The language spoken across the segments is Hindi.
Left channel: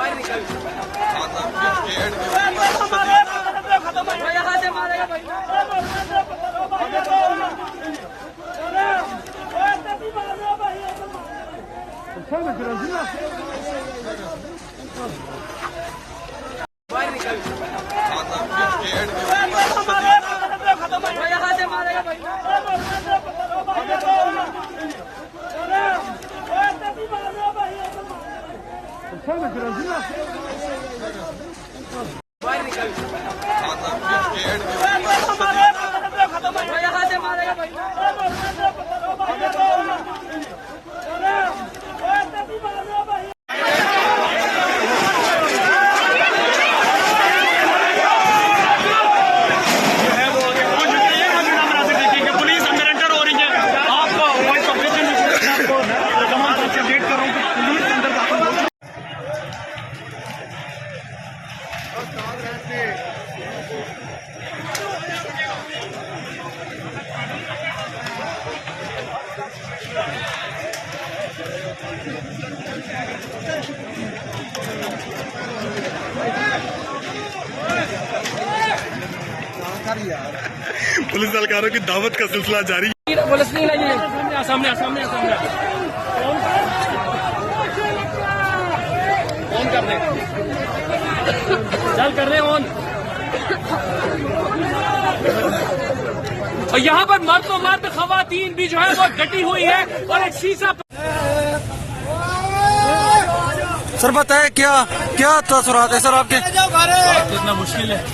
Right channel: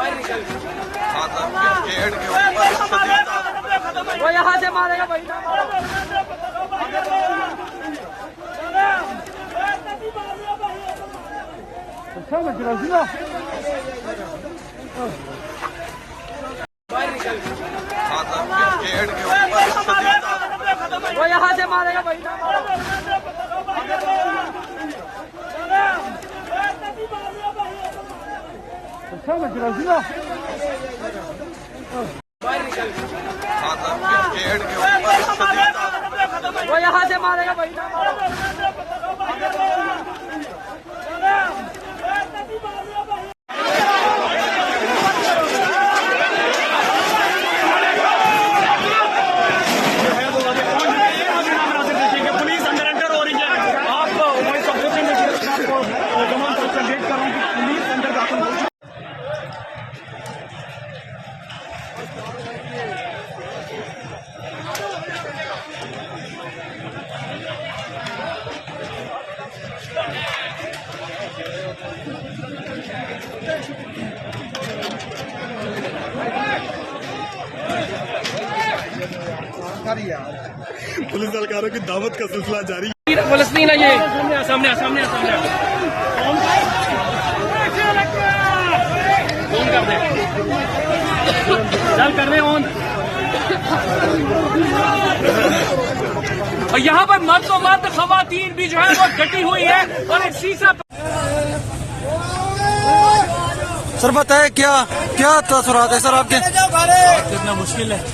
पेड़ के ऊपर शदीद पेड़ के ऊपर शदीद पेड़ के ऊपर शदीद पुलिस एहलकारों की दावत का सिलसिला जारी। पुलिस नहीं लगे सामने सामने सामने फोन कर दे चल कर रहे ऑन। यहाँ पर मर्द खवातीन भी जो है वो डटी हुई है और एक शीशा। सर बताए क्या क्या तसुरात है सर आपके? बात करना मुश्किल है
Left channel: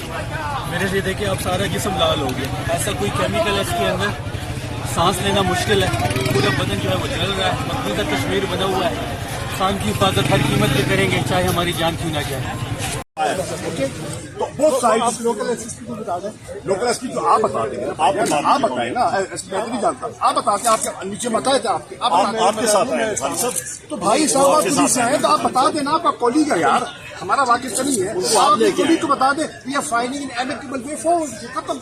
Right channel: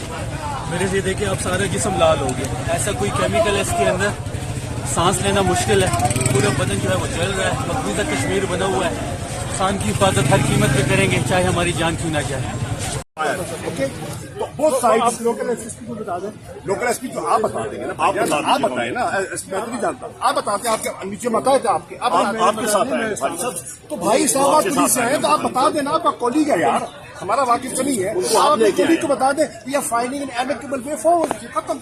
मेरे से। देखिए अब सारा जिस्म लाल हो गया, ऐसा कोई केमिकल है इसके अंदर, सांस लेना मुश्किल है। पूरा बदन जो है वो जल रहा है, मकबूजा कश्मीर बना हुआ है। इंसान की हिफाजत हर कीमत पे करेंगे, चाहे हमारी जान क्यों ना जाए। तो वो साइड लोकल एसपी को बता दें। लोकल एसपी तो आप बता देंगे ना, आप बताए ना, एसपी मैं नहीं जानता। आप बताते आपके नीचे बताए थे आपके आपके साथ है तो भाई साहब आप पुलिस से हैं तो आप बता देना, आपका कॉलीग है यार, हमारा वाकिफ तो नहीं है। आप अपने कॉलीग को बता दें, या फाइलिंग इन एमिकेबल वे फॉरवर्ड खत्म।